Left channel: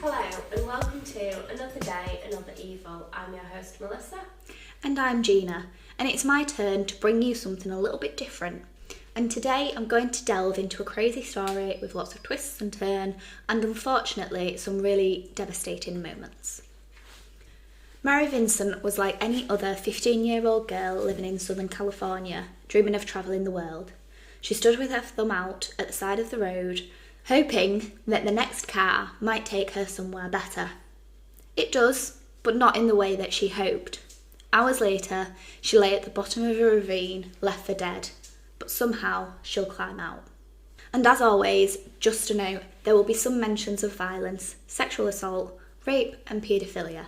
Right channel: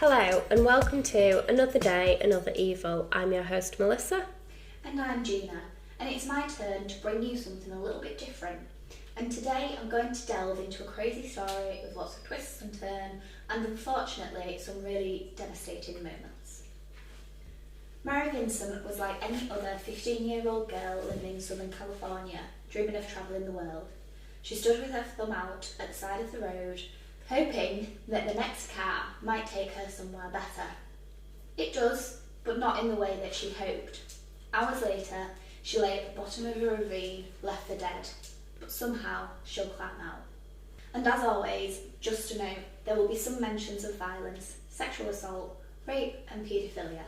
Hello and welcome to Another Day, Another Evil. I'm your host Melissa. And I'm Gina, and it's my turn to bring you something a little bit different. And today I'm going to delve into a crazy story with lots of twists and turns, and unfortunately some really devastating moments. Mary Vincent was like any other 15-year-old girl living in Southern California, dreaming of travelling the world. She stood with her thumb out at the side of the road, hoping that the next car might take her somewhere better. It does, but not in the way that she hoped. Hours later, she lay at the bottom of a ravine, left for dead, but somehow she'll climb out. And as always, just a note, there will be some mentions of violence, sexual assault, rape and paedophilia,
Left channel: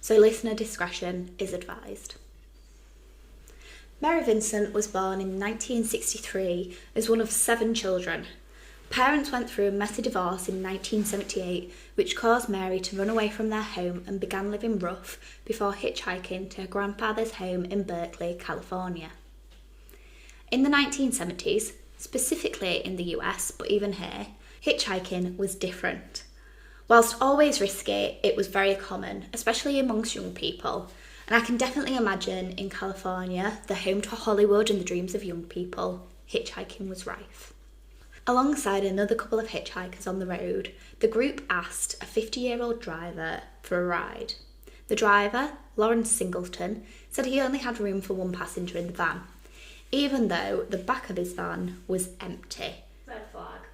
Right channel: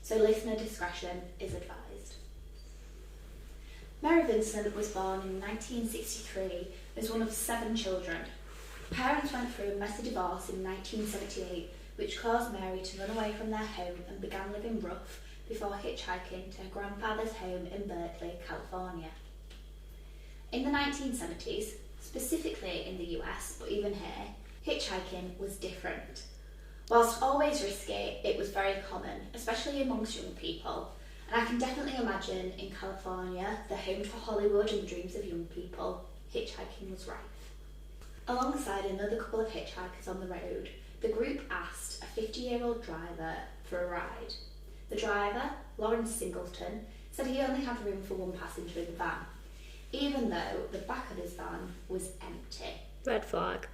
so listener discretion is advised. Mary Vincent was born in 1963 as one of 7 children. Parents went through a messy divorce in 1978, which caused Mary to run away from their home and began living rough before hitchhiking to her grandfather's home in Berkeley, California. In the 1970s, specifically in the US, but even here, hitchhiking was different. Whilst always risky, it was very common, especially amongst young people. And I can definitely imagine in California, the home to Hollywood and the dreams of young people, hitchhiking was rife. Alongside another couple of hitchhikers on the road, the group asked a 50-year-old driver for a ride. The driver, Lawrence Singleton, said he only had room for one passenger in the van, even though the back of his van was empty. Red flag.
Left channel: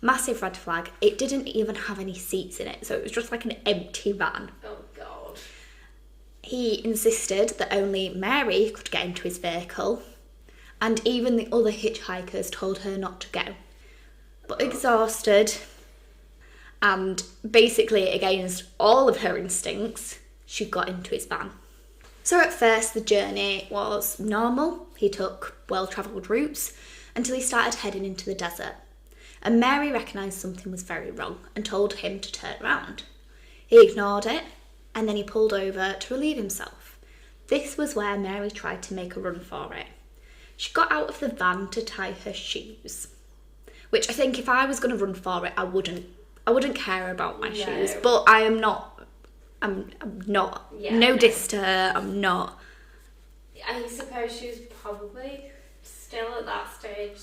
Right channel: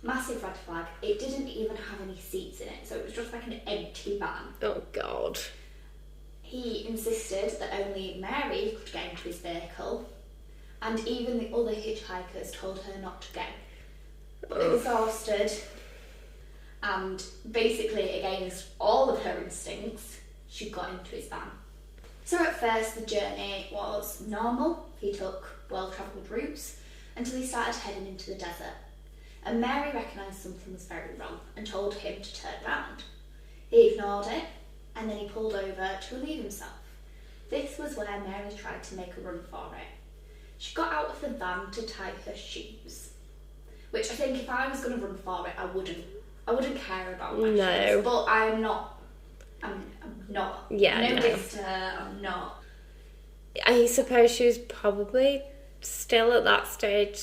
Massive red flag. It didn't even have any seats in it, so it was just like an empty van. Oh God. He insisted that only Mary could get into his vehicle, and even the other hitchhikers told her not to go. But exhausted and basically against all of her instincts, she got into his van. So at first the journey was normal. He took well-travelled routes until he started heading into the desert. And Mary recognised something was very wrong and told him to turn around. He ignored it and then he pulled over to relieve himself. This was where Mary tried to make a run for it. She got out of the van to tie her shoes, which I think if I was going to run for it, I wouldn't care about my shoes. But I'm not. Yeah, no diss to her. I'm not. I suppose she was probably still at that stage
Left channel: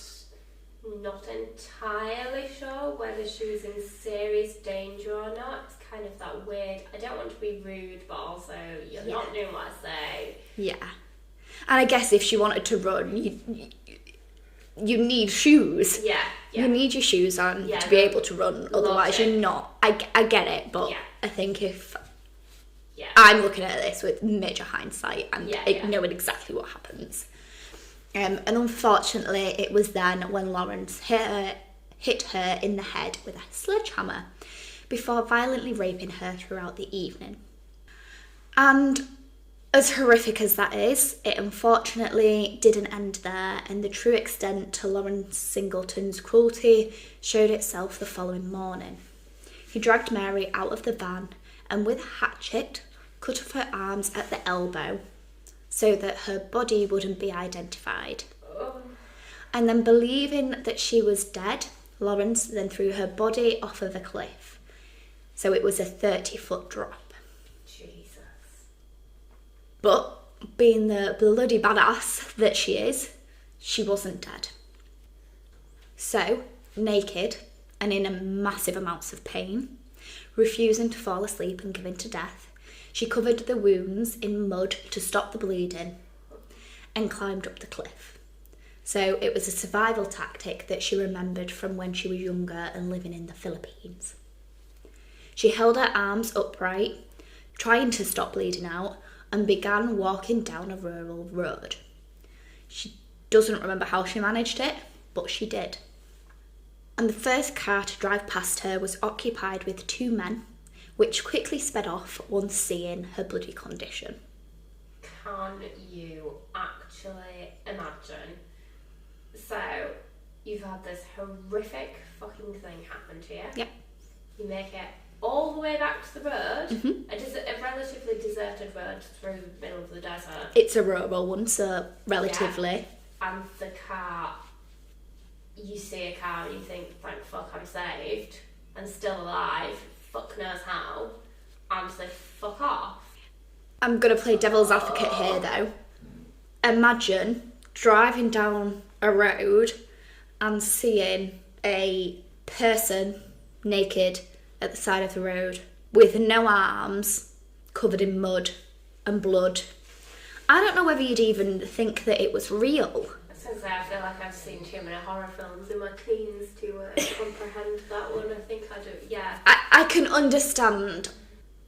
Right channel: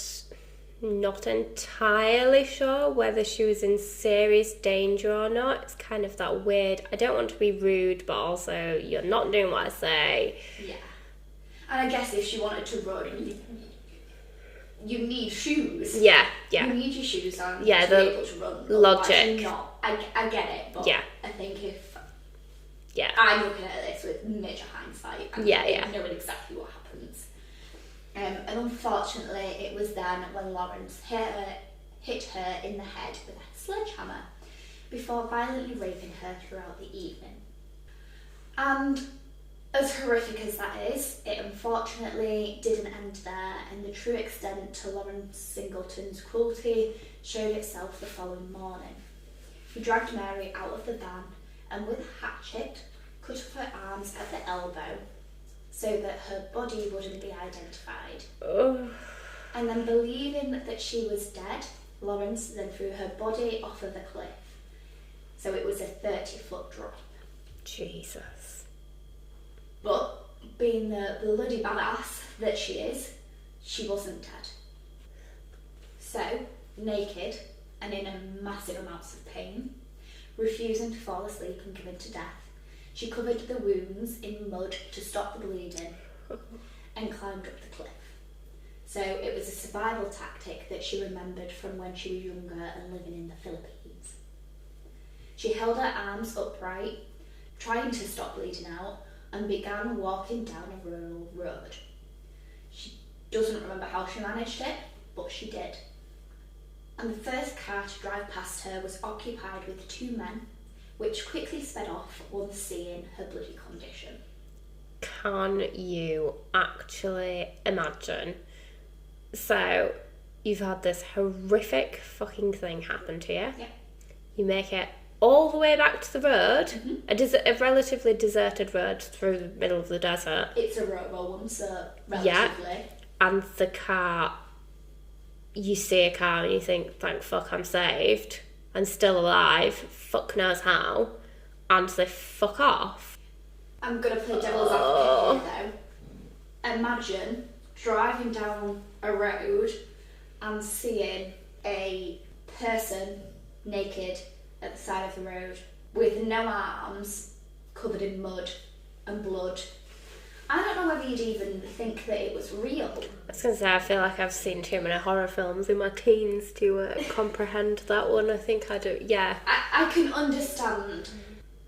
not entirely sure whether she was in serious danger or not. It's kind of that weird, I don't want to be rude, but also you're not doing what I say. Yeah. And I guess if she wanted to run, you need shoes. Yeah. You need your shoes on to be able to run. Otherwise you're not. I get it, but I think if I'm looking at this with major hindsight and knowing exactly what happens. And unfortunately, it was then when Lawrence hit her in the head with a sledgehammer before violently raping her throughout the evening. And as horrific as that is, it unfortunately didn't end there, and the true extent to Lawrence Singleton's cruelty showed itself the following morning. He dragged Mary out of the van and with a hatchet cut off her arms at the elbow so that her body wouldn't be identified. Oh. And then believing that she was dead, Lawrence then threw her body off of a cliff. So it was a 30-foot drop. Jesus. But being the bloody badass that she is, she wasn't dead. So, naked and in massive amounts of pain, refusing to fall asleep and give in to death, she covered the wounds in mud to stop the bleeding and climbed up the cliff. So it was a survival tactic that she remembered from when she was younger and living in the Philippines. She held her arms upright, trying to stop bleeding out, and began walking down a rural road. She doesn't remember how she managed it, but she did. And the first car to drive past her was occupied with 2 men, which quickly sped off once seeing her bloody condition. Can you actually imagine? So, you've had this horrific fucking thing happen to you. Yep. You make it all the way back to the road, a relatively deserted road through the middle of the desert. It's a rural one, so relatively. Yeah. And the car, you see a car and you think, thank fuck I'm saved. and still alive, fuck knows how, and they fuck off. I'm going to play devil's advocate here, though. Imagine driving down a road and seeing a person naked at the side of the road with no arms, covered in mud and blood. I don't know whether you'd even think that it was real. I was going to say, I feel like I've seen too many horror films in my teens to comprehend that one. I think I do, yeah. I can understand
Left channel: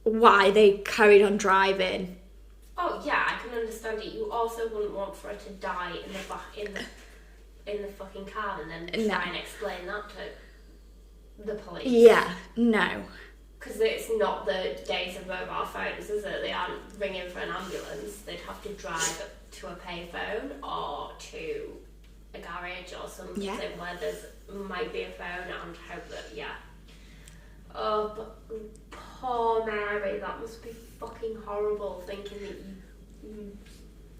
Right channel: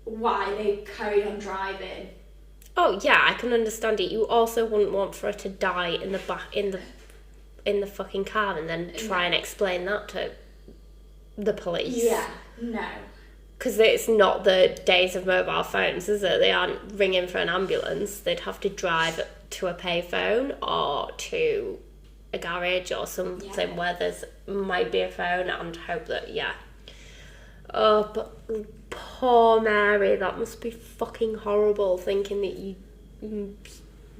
why they carried on driving. Oh yeah, I can understand it. You also wouldn't want for her to die in the back in the fucking car and then try and explain that to the police. Yeah, no. Because it's not the days of mobile phones, is it? They aren't ringing for an ambulance. They'd have to drive to a payphone or to a garage or something where there's might be a phone and hope that, Oh, but poor Mary, that must be fucking horrible thinking that you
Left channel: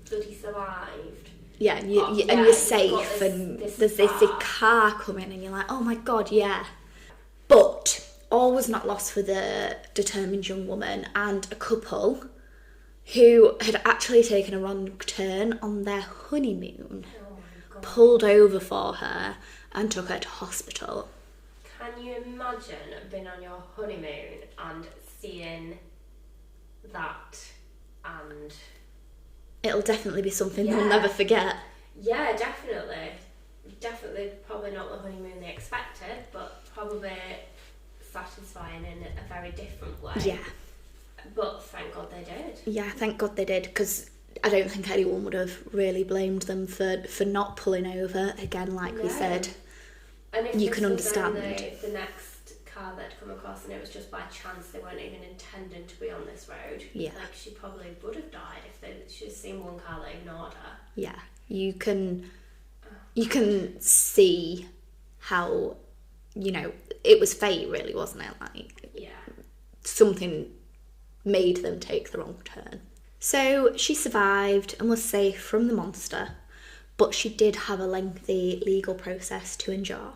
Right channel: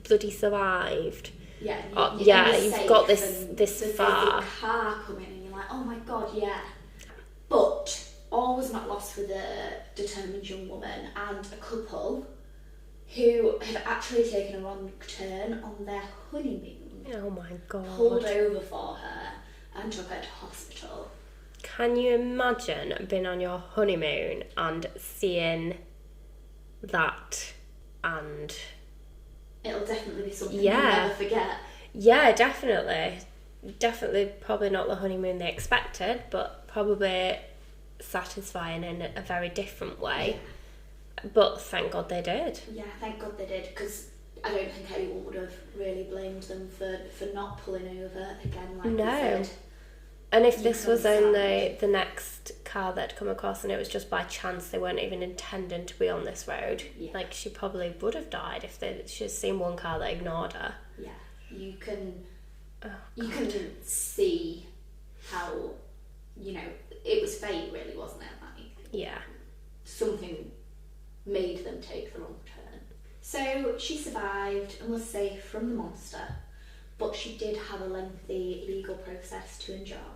bloody survived. Yeah, and you're safe got this basic car coming and you're like, oh my god, yeah. But all was not lost for the determined young woman and a couple who had actually taken a wrong turn on their honeymoon. Oh my god. Pulled over for her and took her to hospital. Can you imagine being on your honeymoon and seeing that? And it'll definitely be something you'll never forget. Yeah, definitely. Definitely probably not the honeymoon they expected, but probably satisfying in a very different way. Yeah. But thank God they did. Yeah, thank God they did, because I don't think anyone would have really blamed them for not pulling over again, like we said. And if this was only the next car they'd come across and it was just by chance they weren't even intending to be on this road, like she probably would have died if she'd seen one car that ignored her. Yeah, you can see how, it was fate really, wasn't it? Like, something made them take the wrong turn. So she survived and was safe from the monster, but she did have a lengthy legal process to endure.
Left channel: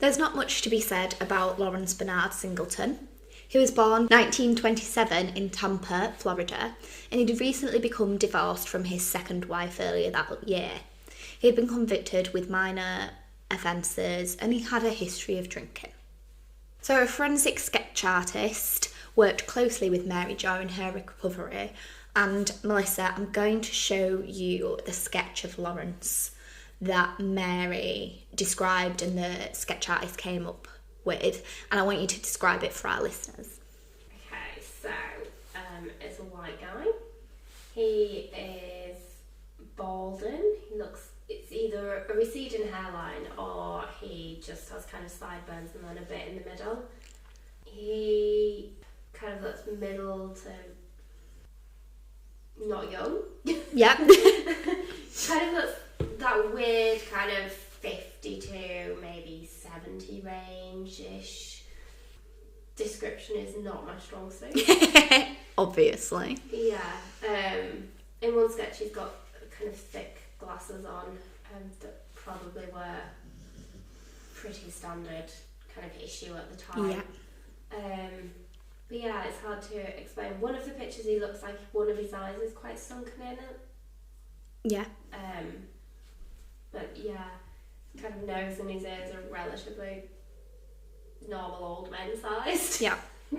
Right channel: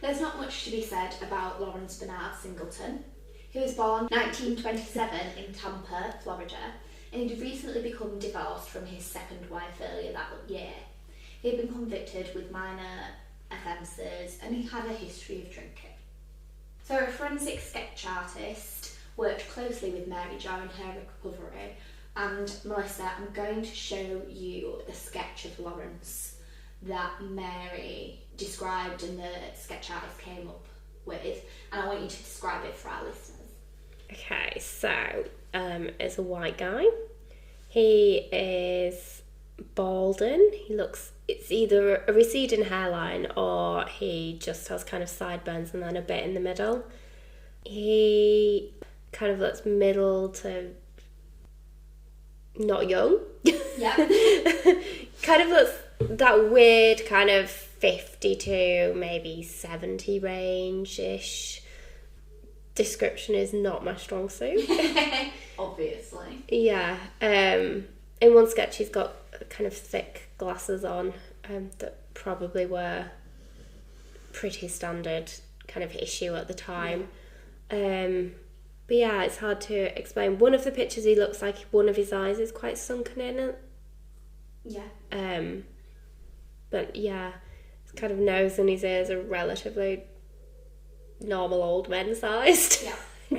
There's not much to be said about Lawrence Bernard Singleton. He was born 1927 in Tampa, Florida, and he'd recently become divorced from his second wife earlier that year. He had been convicted with minor offences and he had a history of drinking. So a forensic sketch artist worked closely with Mary during her recovery. And Melissa, I'm going to show you the sketch of Lawrence that Mary described and the sketch artist came up with. And I want you to describe it for our listeners. Okay, so it's a white guy. He is balding. It's either a receding hairline or he just has kind of sideburns and then a bit in the middle. He kind of looks middle to not young. Yeah. Kind of looks that weird kind of 50 to maybe 70 range-ish. Description is not my strong suit. Obviously. Yeah. In one sketch he's got kind of thick glasses on that probably were pretty standard kind of issue at the time. Yeah. But yeah, it's hard to explain. One of the pictures he looks like one of his eyes is quite sunken in. Yeah. But yeah, his kind of nose and his ears are relatively normal old men sized. Yeah.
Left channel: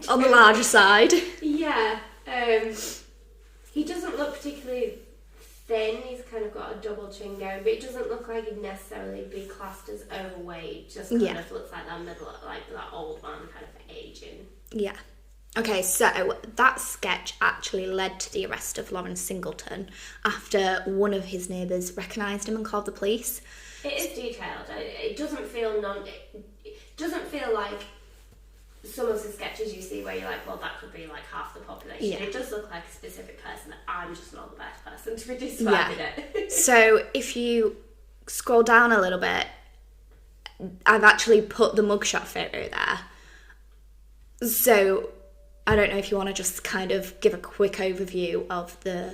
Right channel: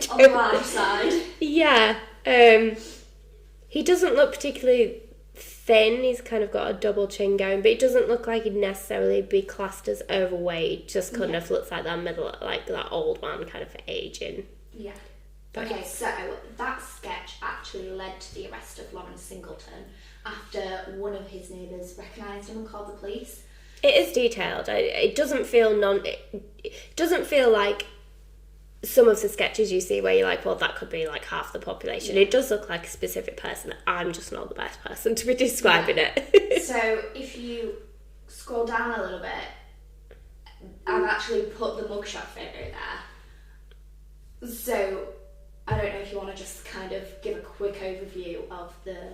On the larger side. Yeah. He doesn't look particularly thin. He's kind of got a double chin going, but he doesn't look like he'd necessarily be classed as overweight. Just kind of looks like that middle, like that old man kind of aging. Yeah. Okay, so that sketch actually led to the arrest of Lawrence Singleton after one of his neighbours recognised him and called the police. It is detailed. It doesn't feel like some of the sketches you see where you're like, well, that could be like half the population. Yeah. It does look like a specific person. I'm just not the best person to be describing it. So if you scroll down a little bit, I've actually put the mugshot photo there. So I don't know if you want to just kind of give a quick overview of the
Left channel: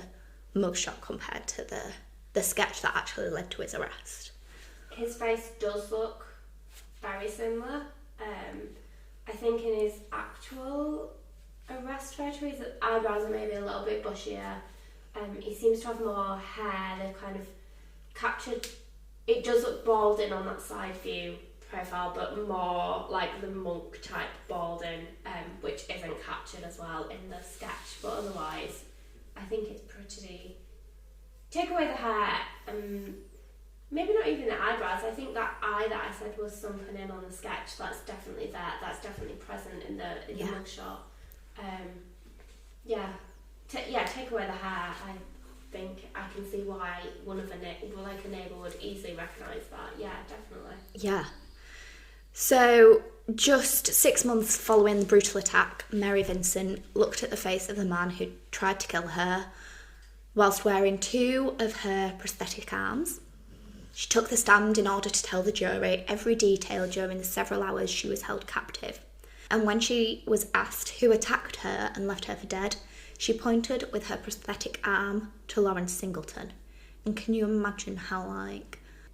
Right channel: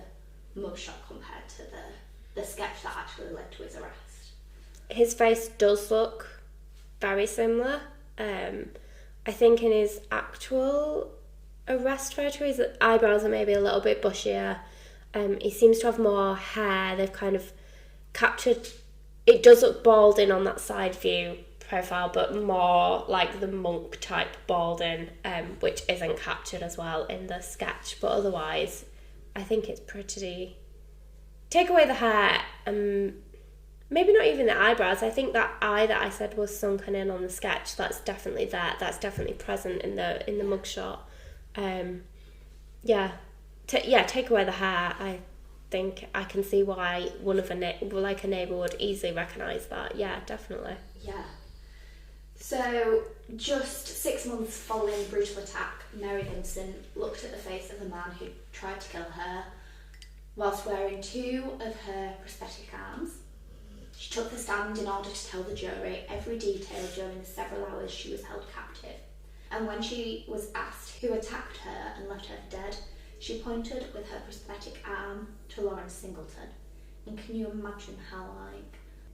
mugshot compared to the sketch that actually led to his arrest. His face does look very similar. I think in his actual arrest photo, his eyebrows are maybe a little bit bushier. He seems to have more hair. They've kind of captured... It does look balding on that side view profile, but more like the monk type balding, which isn't captured as well in the sketch. But otherwise, I think it's pretty... Take away the hair, maybe not even the eyebrows. I think that eye that I said was sunken in on the sketch, that's definitely there. That's definitely present in the mugshot. Take away the hair. I think I can see why a neighbour would easily recognise that. Yeah, definitely. Yeah. So, just 6 months following the brutal attack, Mary Vincent looked at the face of the man who tried to kill her whilst wearing 2 of her prosthetic arms. She took the stand in order to tell the jury every detail during the several hours she was held captive. And when she was asked who attacked her and left her for dead, she pointed with her prosthetic arm to Lawrence Singleton. And can you imagine how,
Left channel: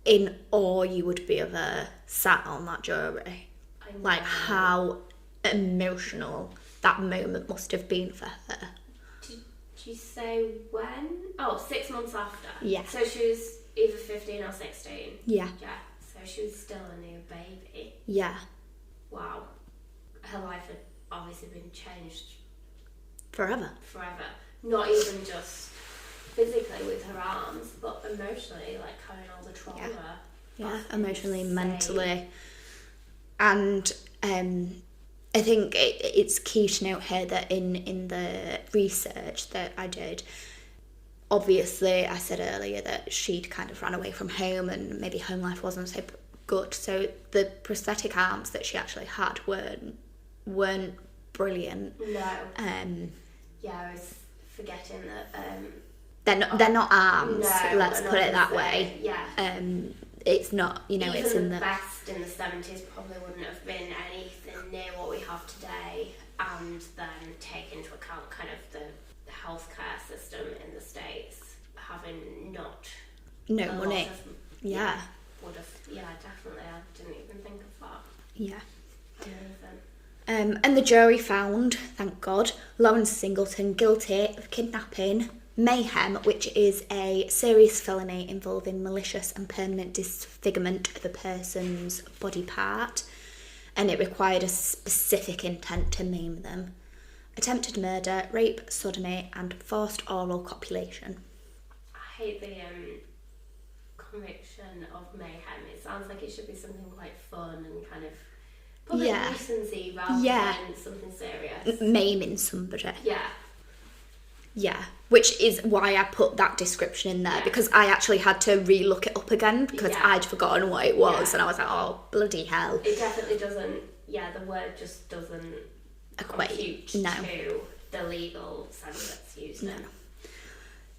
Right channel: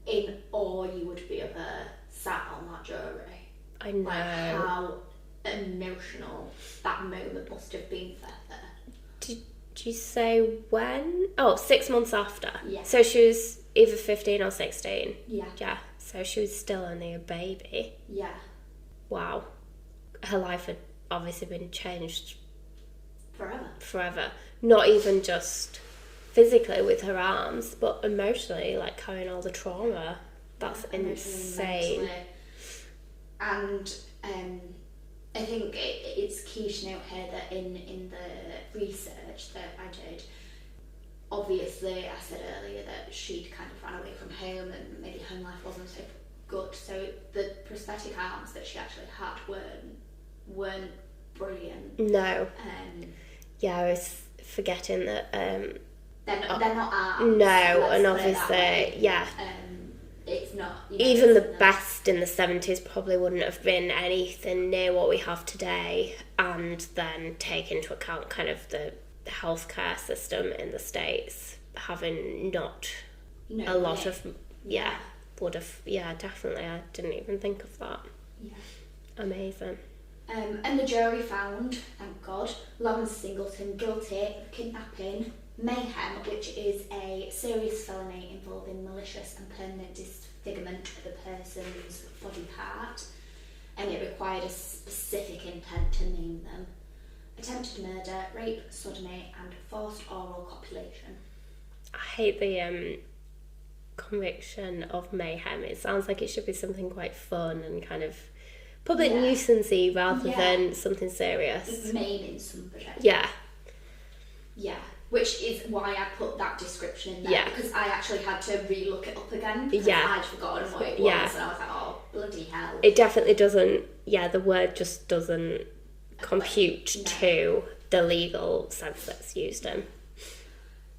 in awe you would be of her sat on that jury? I know. How emotional that moment must have been for her. Did you say when? 6 months after. Yeah. So she was either 15 or 16. Yeah. Yeah. So she was still only a baby. Yeah. Wow. Her life had obviously been changed Forever. Not even just physically with her arms, but emotionally, carrying all the trauma. That's emotionally, insane. mentally. And I think it's key to note here that in the research that I did, obviously I said earlier that she'd kind of ran away from home and maybe home life wasn't so good. So the prosthetic arms that she actually had weren't brilliant. No. I was forgetting that. They're not arms. No, let's and put it that way. Yeah. It's not, even the best in the 70s probably wouldn't have been anything near what we have today, and then take into account kind of the healthcare system in the States having not no a money. lot of would have definitely. I didn't even think of that. Yeah. Amazing. And the jury found, thank God, Lawrence Singleton guilty of kidnapping, mayhem, which is a serious felony involving malicious and permanent disfigurement of a person's body part, and it required a specific intent to maim them, attempted murder, rape, sodomy, and forced oral copulation. I hate the conviction of mayhem. It sounds like it should be something quite fun and kind of public nuisance-y rather than something serious. Maiming somebody. Yeah. Yeah. Which is why I put that description in there, because I actually had to re-look it up again because I'd forgotten what it was, and I was like, oh, bloody hell. It definitely doesn't, the word just doesn't compute to the legal sense that's used in.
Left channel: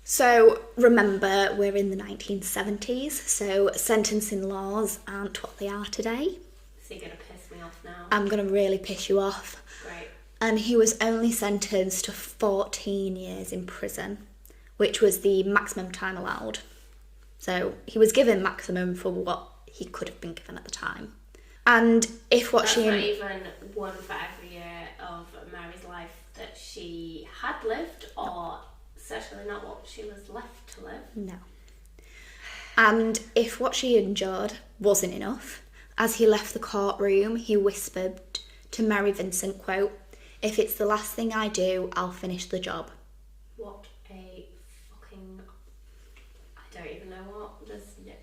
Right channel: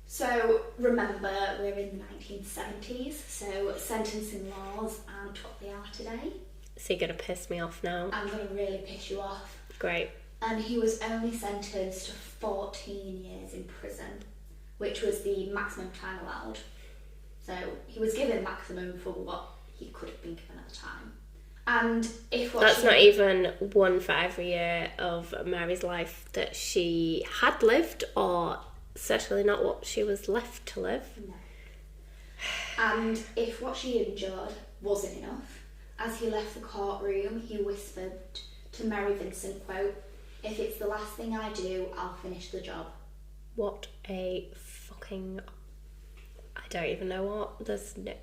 So remember, we're in the 1970s, so sentencing laws aren't what they are today. So you're going to piss me off now? I'm going to really piss you off. Great. And he was only sentenced to 14 years in prison, which was the maximum time allowed. So he was given maximum for what he could have been given at the time. And if what That's not even one for every year of Mary's life that she had lived, or certainly not what she was left to live. No. And if what she endured wasn't enough, as he left the courtroom, he whispered to Mary Vincent, quote, "If it's the last thing I do, I'll finish the job." What a fucking... I don't even know what. There's no...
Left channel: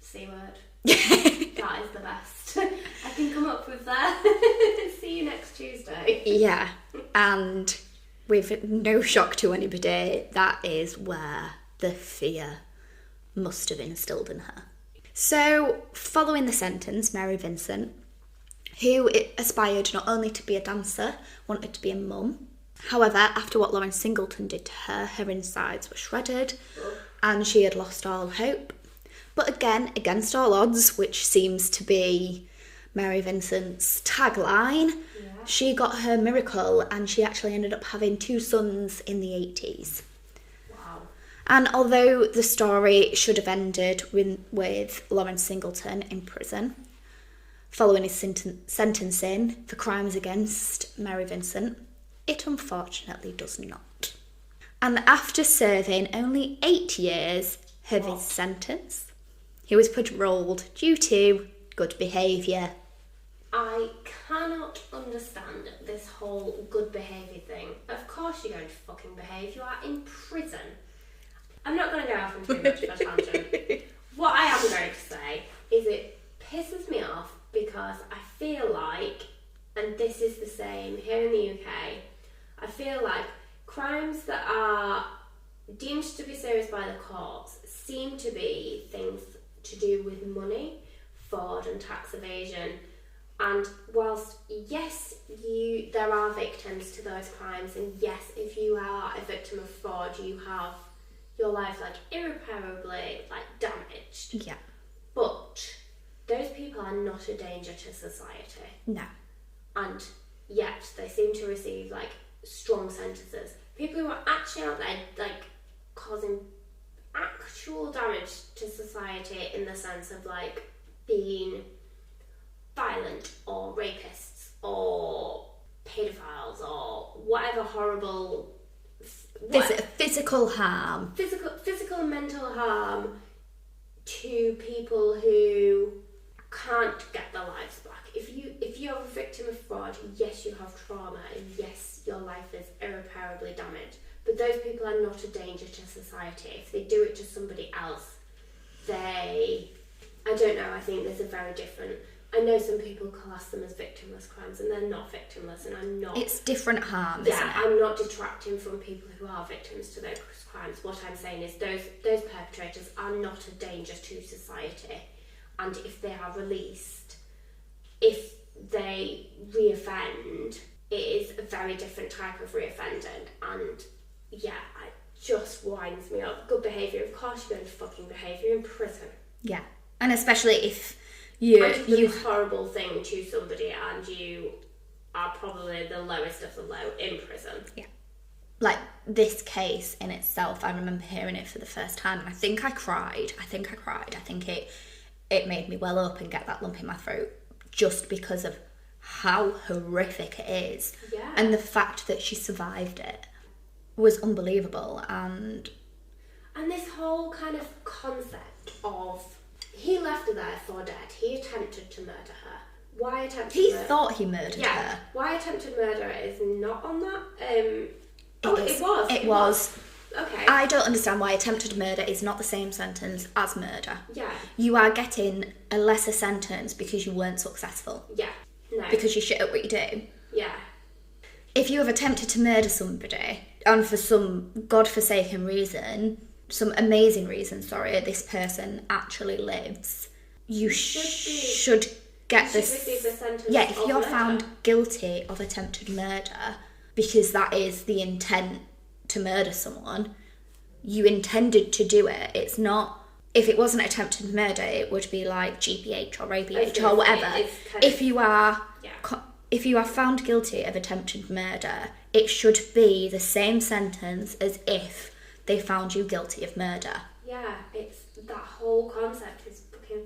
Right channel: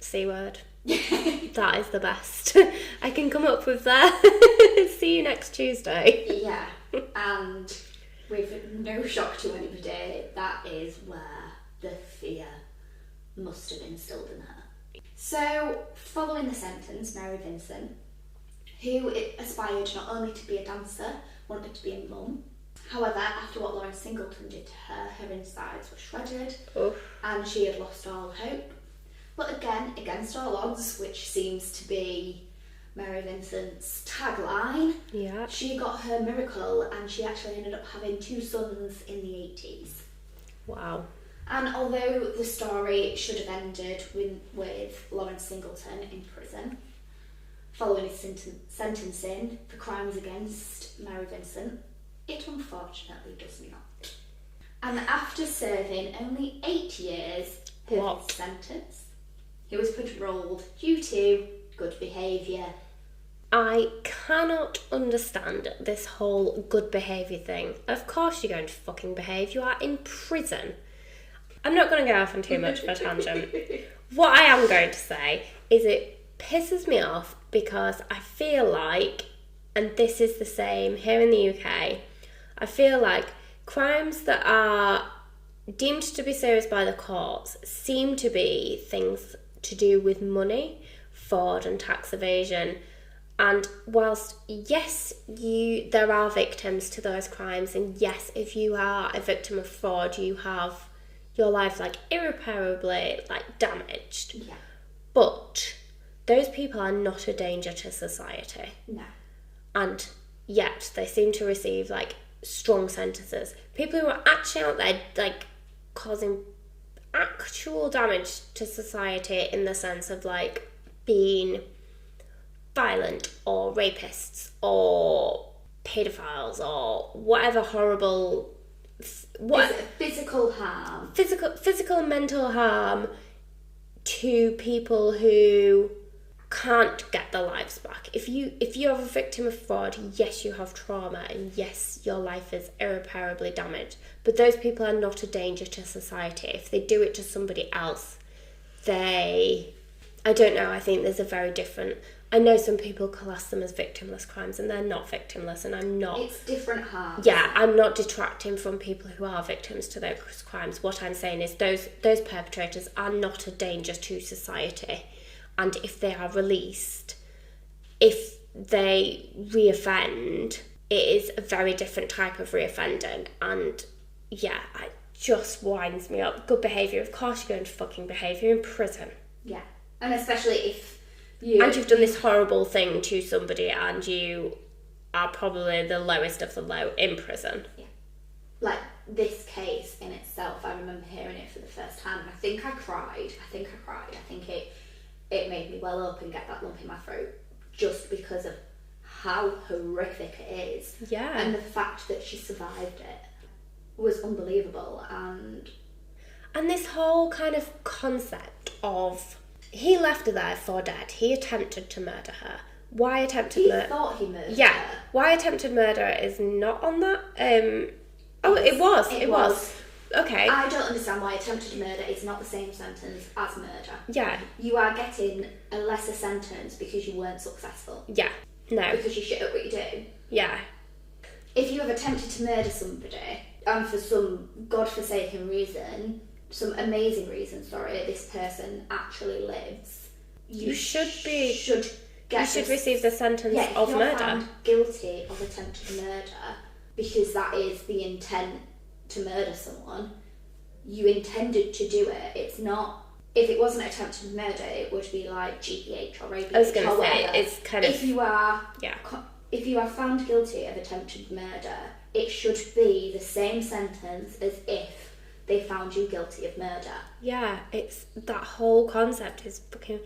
C word. That is the best I can come up with there. See you next Tuesday. Yeah. And with no shock to anybody, that is where the fear must have instilled in her. So, following the sentence, Mary Vincent, who aspired not only to be a dancer, wanted to be a mum. However, after what Lawrence Singleton did to her, her insides were shredded and she had lost all hope. But again, against all odds, which seems to be Mary Vincent's tagline, she got her miracle and she actually ended up having 2 sons in the 80s. Wow. And although the story should have ended with Lawrence Singleton in prison, following his sentencing for crimes against Mary Vincent? It unfortunately does not. And after serving only 8 years of his sentence, he was paroled due to good behaviour. I cannot understand this whole good behaviour thing. Of course you're going to fucking behave. You are in prison. I'm not going to go off on too much of a tangent. What I am going to say is it pisses me off because I feel like, and this is the same here in the UK, I feel like crimes that are deemed to be serious by the courts seem to be things to do with money, fraud and tax evasion. And whilst, yes, there are victims to those crimes, and yes, if you are a victim of fraud, you have your life irreparably damaged. Yeah. But those people are not a danger to society. No. And yet they seem to receive strong sentences. People who are actually out there causing actual damage to society in the sense of being violent or rapists or pedophiles or whatever horrible physical harm, physical and mental harm to people who can't get their lives back. If you're a victim of fraud, yes, you have trauma and yes, your life is irreparably damaged, but those people are not a danger to society. If they do it to somebody else, I don't know, I think there's a very different... I know some people class them as victimless crimes, and they're not victimless, and I'm not... It's different harm. Yeah, I'm not detracting from people who are victims to those crimes. What I'm saying is those perpetrators are not a danger to society, and if they are released, if they reoffend, it is a very different type of reoffending, and yeah, it just winds me up. Good behaviour, of course you're going to fucking behave, you're in prison. Yeah, and especially if... You've done this horrible thing to somebody and you are probably the lowest of the low in prison. Yeah. This case in itself, I remember hearing it for the first time and I think I cried. I think it made me well up and get that lump in my throat just because of how horrific it is. Yeah. And the fact that she survived it was unbelievable. And this whole kind of concept of... He left her there for dead. He attempted to murder her. Why attempted murder? He thought he murdered her. Yeah. Why attempted murder is not on that. It was. Okay. I don't understand why attempted murder is not the same sentence as murder. Yeah. You are getting a lesser sentence because you weren't successful. Yeah. No. Because you shit at what you do. Yeah. If you have attempted to murder somebody, and for some godforsaken reason... some amazing reason, this person actually lives, you should receive the sentence if of you're murder. Found guilty of attempted murder, because that is the intent to murder someone, you intended to do it. It's not... If it wasn't attempted murder, it would be like GPH or rapist or whatever. If you are found guilty of attempted murder, it should be the same sentence as if they found you guilty of murder. Yeah, it's that whole concept is fucking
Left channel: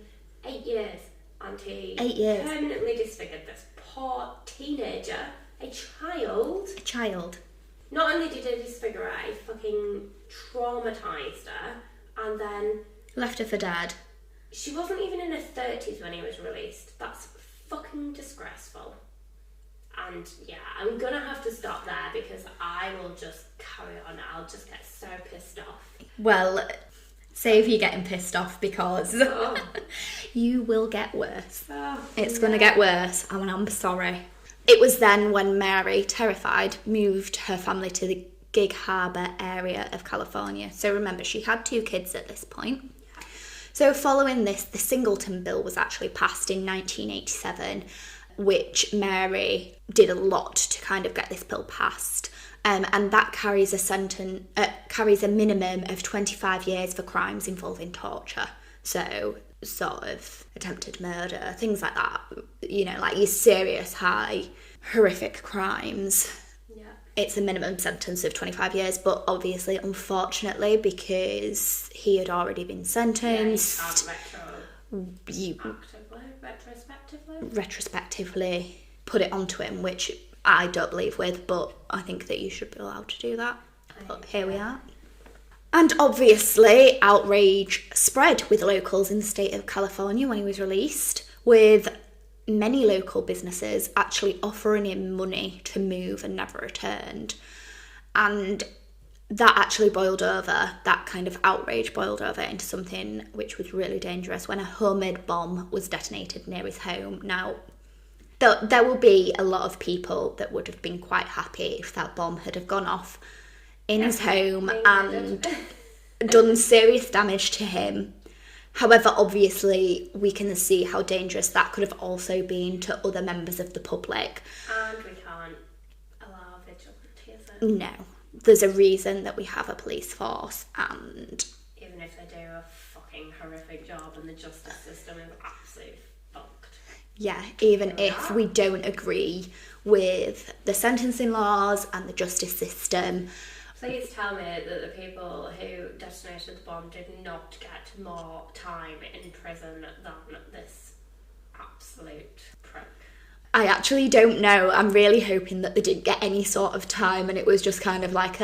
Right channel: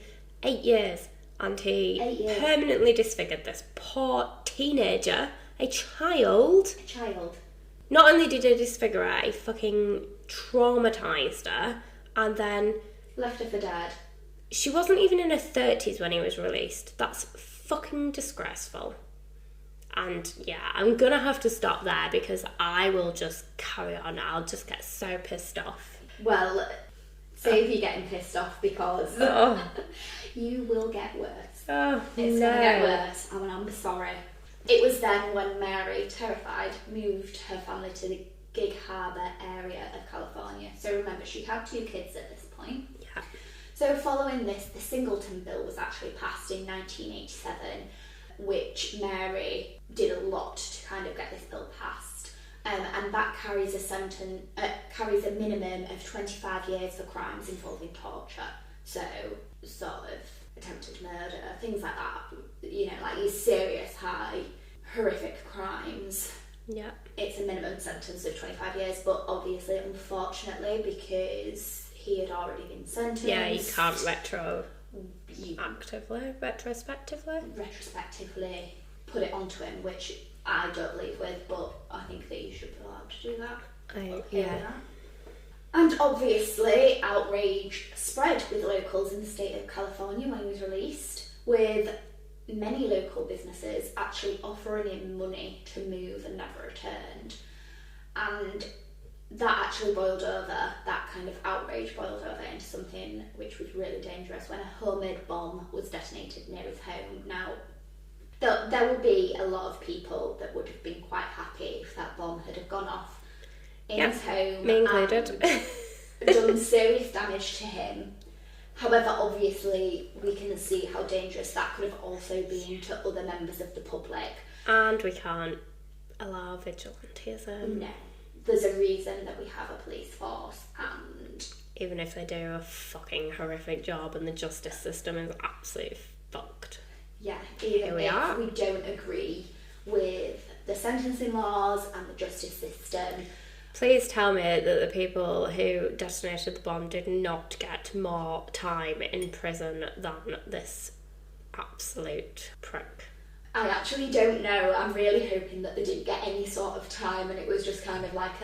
8 years, and he permanently disfigured this poor teenager, a child. Not only did he disfigure her, he fucking traumatised her, and then left her for dead. She wasn't even in her 30s when he was released. That's fucking disgraceful. And yeah, I'm gonna have to stop there because I will just carry on. I'll just get so pissed off. Well, save you getting pissed off because you will get worse. It's gonna get worse. I'm sorry. It was then when Mary, terrified, moved her family to the Gig Harbor area of California. So remember, she had 2 kids at this point. Yeah. So following this, the Singleton Bill was actually passed in 1987, which Mary did a lot to kind of get this bill passed, and that carries a minimum of 25 years for crimes involving torture. So sort of attempted murder, things like that. Your serious, high, horrific crimes. Yeah. It's a minimum sentence of 25 years, but obviously, unfortunately, because he had already been sentenced... Yeah, you can't you retrospectively put it onto him, which I don't believe with, but I think that you should be allowed to do that. But here we are. And obviously, outrage spread with locals in the state of California when he was released, with many local businesses actually offering him money to move and never returned. And that actually that kind of outrage boiled over into something which was really dangerous when a homemade bomb was detonated near his home. Now, there will be a lot of people that would have been quite happy if that bomb had have gone off in his home and done serious damage to him. However, obviously, we can see how dangerous that could have also been to other members of the public. And we can't allow vigilantism. No. There's a reason that we have a police force, and even if they do a fucking horrific job and the justice system is absolutely fucked. Yeah, even if we don't agree with the sentencing laws and the justice system. Please tell me that the people who detonated the bomb did not get more time in prison than this absolute prick. I actually don't know. I'm really hoping that they didn't get any sort of time and it was just kind of like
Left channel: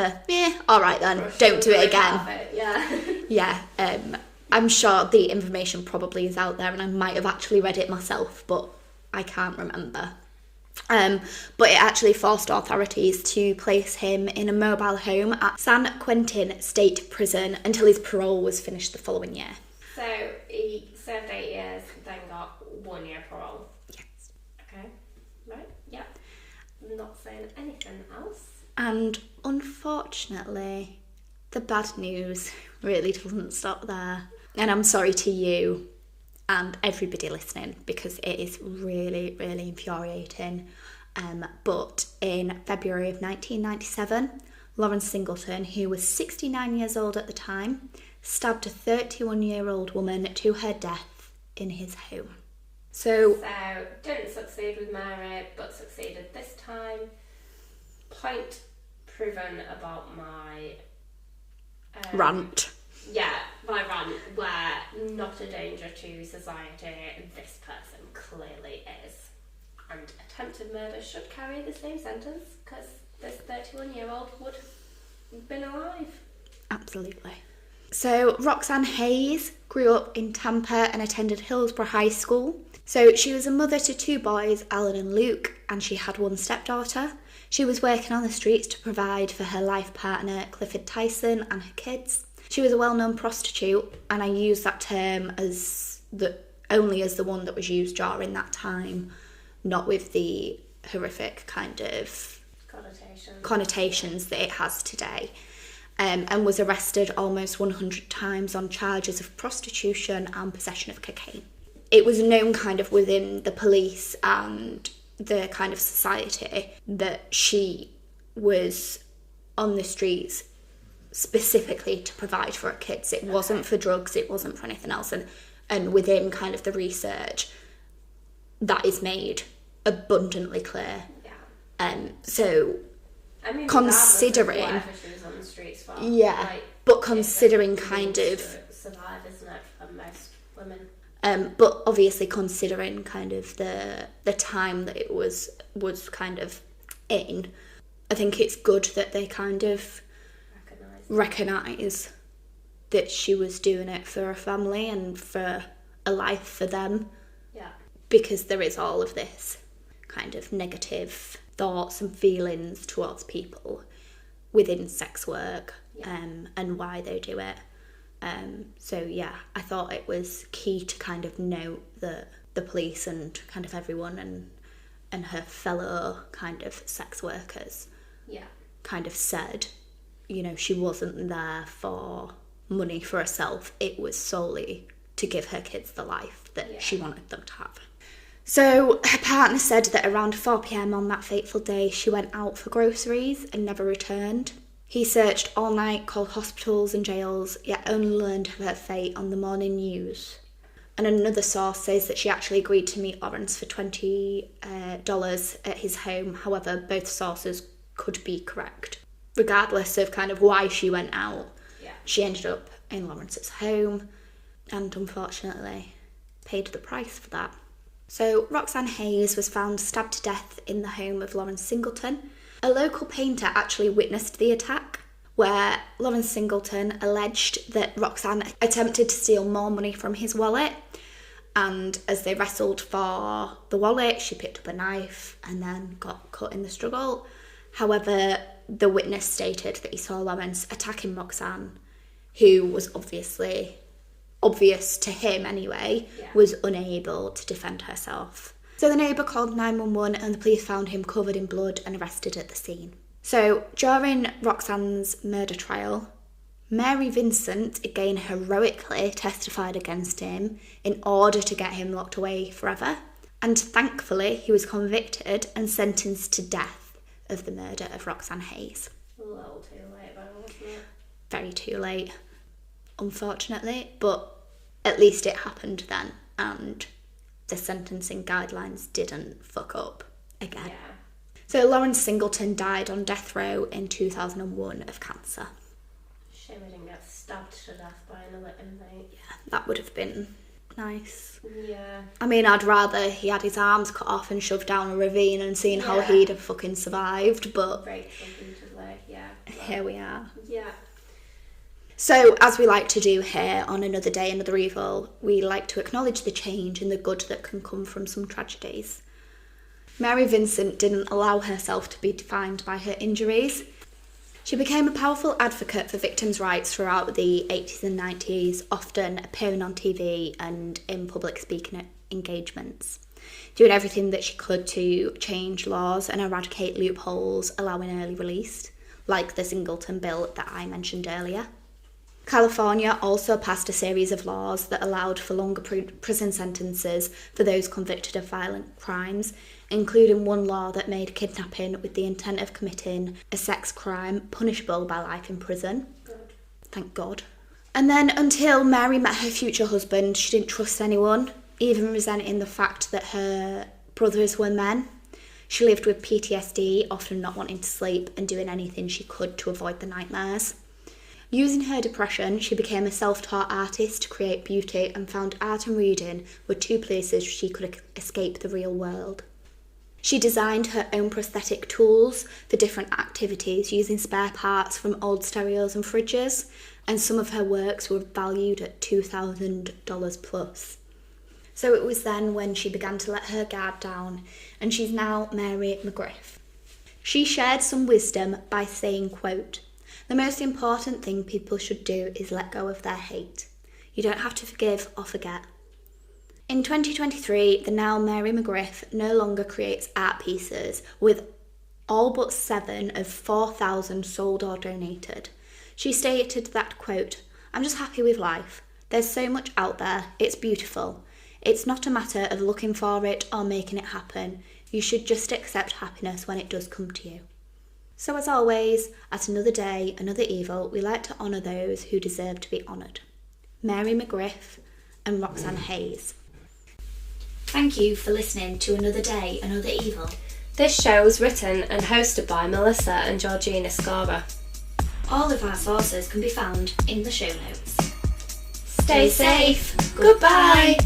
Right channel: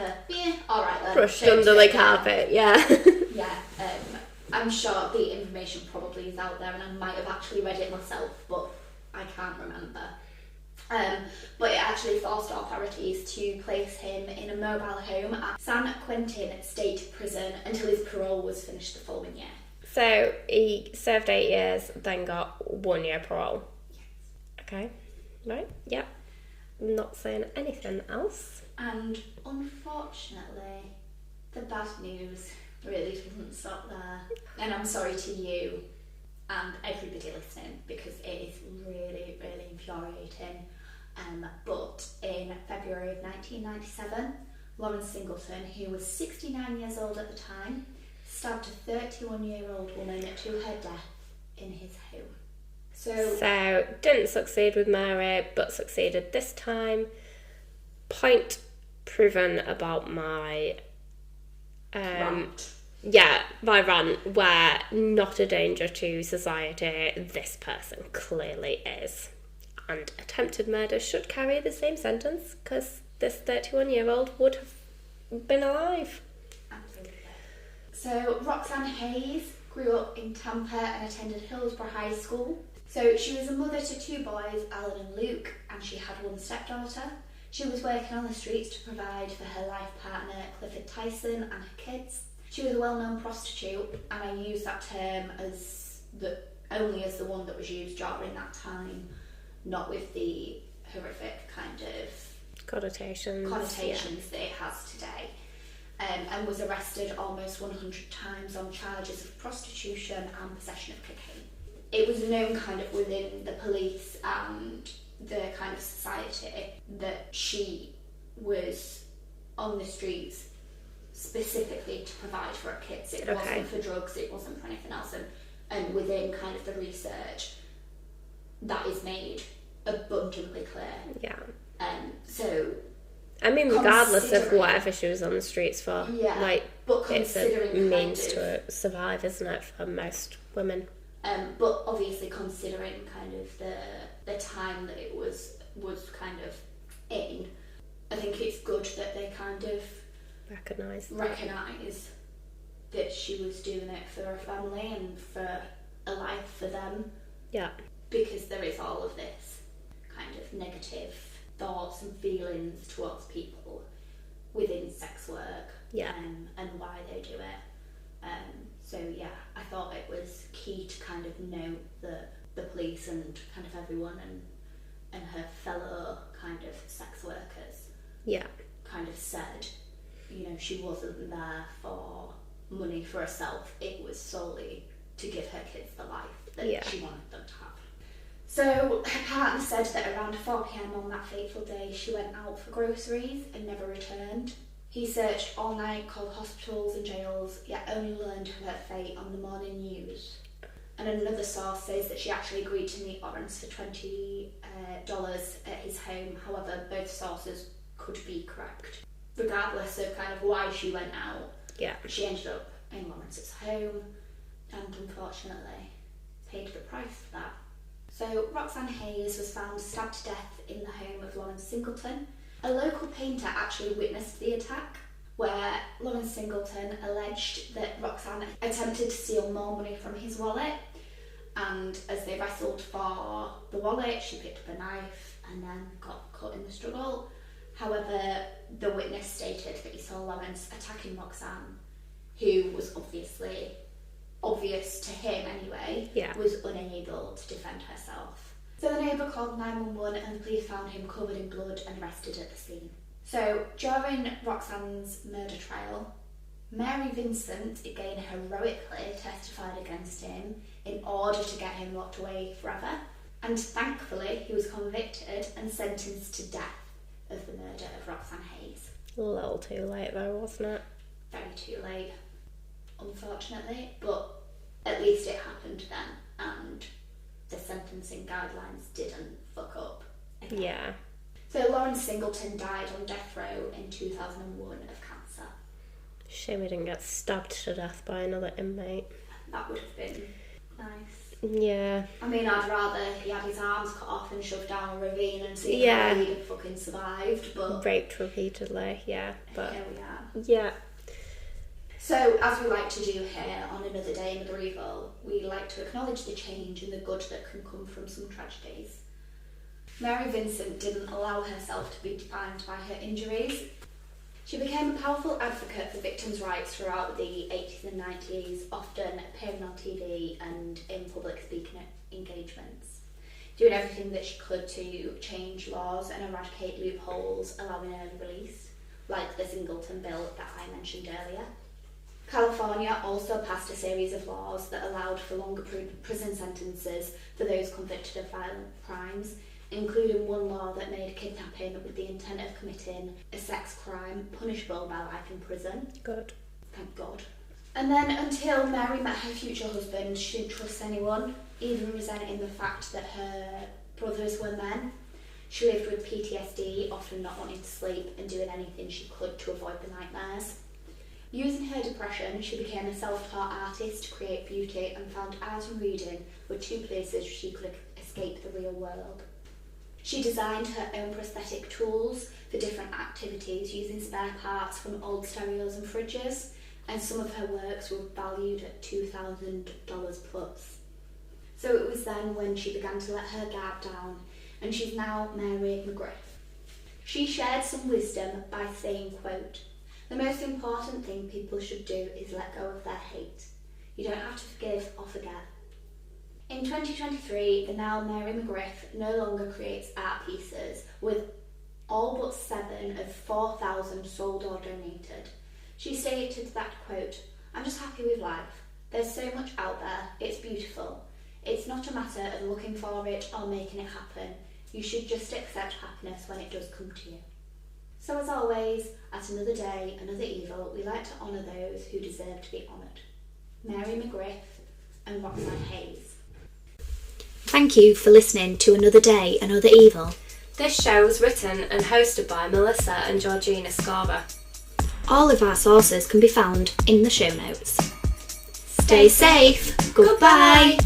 alright then, don't do it again. Carpet, yeah. Yeah, I'm sure the information probably is out there and I might have actually read it myself, but I can't remember. But it actually forced authorities to place him in a mobile home at San Quentin State Prison until his parole was finished the following year. So he served 8 years, then got 1 year parole. Yes. Okay. Right, yep. Not saying anything else. And unfortunately, the bad news really doesn't stop there. And I'm sorry to you and everybody listening because it is really, really infuriating. But in February of 1997, Lawrence Singleton, who was 69 years old at the time, stabbed a 31-year-old woman to her death in his home. So didn't succeed with Mary, but succeeded this time. Point proven about my rant. Yeah, my rant, where not a danger to society, this person clearly is. And attempted murder should carry the same sentence, because this 31-year-old would have been alive. Absolutely. So Roxanne Hayes grew up in Tampa and attended Hillsborough High School. So she was a mother to 2 boys, Alan and Luke, and she had 1 stepdaughter. She was working on the streets to provide for her life partner, Clifford Tyson, and her kids. She was a well-known prostitute, and I use that term only as the one that was used during that time, not with the horrific kind of connotations that it has today. And was arrested almost 100 times on charges of prostitution and possession of cocaine. It was known kind of within the police and the kind of society that she was on the streets specifically to provide for her kids. It wasn't for drugs, it wasn't for anything else. And within kind of the research, that is made abundantly clear. Yeah. So I mean, regardless of whatever she was on the streets for. Yeah, but considering kind of... to survive, isn't it, for most women? But obviously considering kind of the time that it was kind of in, I think it's good that they kind of recognise that she was doing it for a family and for a life for them. Yeah. Because there is all of this kind of negative thoughts and feelings towards people within sex work, and why they do it. So yeah, I thought it was key to kind of note that the police and kind of everyone and her fellow kind of sex workers kind of said, you know, she wasn't there for money for herself, it was solely to give her kids the life that she wanted them to have. So her partner said that around 4 p.m. on that fateful day she went out for groceries and never returned. He searched all night, called hospitals and jails, yet only learned of her fate on the morning news. And another source says that she actually agreed to meet Lawrence for $20 at his home. However, both sources could be correct. Regardless of kind of why she went out, she ended up in Lawrence's home. And unfortunately, paid the price for that. So Roxanne Hayes was found stabbed to death in the home of Lawrence Singleton. A local painter actually witnessed the attack, where Lawrence Singleton alleged that Roxanne attempted to steal more money from his wallet, and as they wrestled for the wallet, she picked up a knife and then got cut in the struggle. However, the witness stated that he saw Lawrence attacking Roxanne, who was obviously, obvious to him anyway, was unable to defend herself. So the neighbour called 911 and the police found him covered in blood and arrested at the scene. So during Roxanne's murder trial, Mary Vincent again heroically testified against him in order to get him locked away forever. And thankfully, he was convicted and sentenced to death of the murder of Roxanne Hayes. A little too late though, wasn't it? Very too late, unfortunately, but at least it happened then, and the sentencing guidelines didn't fuck up again. Yeah. So Lawrence Singleton died on death row in 2001 of cancer. Shame he didn't get stabbed to death by another inmate. That would have been nice. Yeah. I mean, I'd rather he had his arms cut off and shoved down a ravine and seen how he'd have fucking survived, but... Raped repeatedly, yeah. But here we are. Yeah. So, as we like to do here on Another Day, Another Evil, we like to acknowledge the change and the good that can come from some tragedies. Mary Vincent didn't allow herself to be defined by her injuries. She became a powerful advocate for victims' rights throughout the 80s and 90s, often appearing on TV and in public speaking engagements, doing everything that she could to change laws and eradicate loopholes allowing early release, like the Singleton Bill that I mentioned earlier. California also passed a series of laws that allowed for longer prison sentences for those convicted of violent crimes, including one law that made kidnapping with the intent of committing a sex crime punishable by life in prison. Good. Thank God. And then until Mary met her future husband, she didn't trust anyone, even resenting the fact that her brothers were men. She lived with PTSD, often not wanting to sleep and doing anything she could to avoid the nightmares. Using her depression, she became a self-taught artist to create beauty and found art and reading were two places she could escape the real world. She designed her own prosthetic tools for different activities using spare parts from old stereos and fridges, and some of her works were valued at $2,000 plus. So it was then when she began to let her guard down, and she's now Mary McGriff. She shared some wisdom by saying, quote, "The most important thing people should do is let go of their hate. You don't have to forgive or forget." In 2023, the now Mary McGriff no longer creates art pieces, with all but 7 of 4,000 sold or donated. She stated that, quote, "I'm just happy with life. There's so much out there. It's beautiful. It's not a matter of looking for it or making it happen. You should just accept happiness when it does come to you." So as always, at Another Day, Another Evil, we like to honour those who deserve to be honoured. Mary McGriff and Roxanne Hayes. Thank you for listening to Another Day, Another Evil. This show was written and hosted by Melissa and Georgina Scorer. All of our sources can be found in the show notes. Stay safe. Goodbye.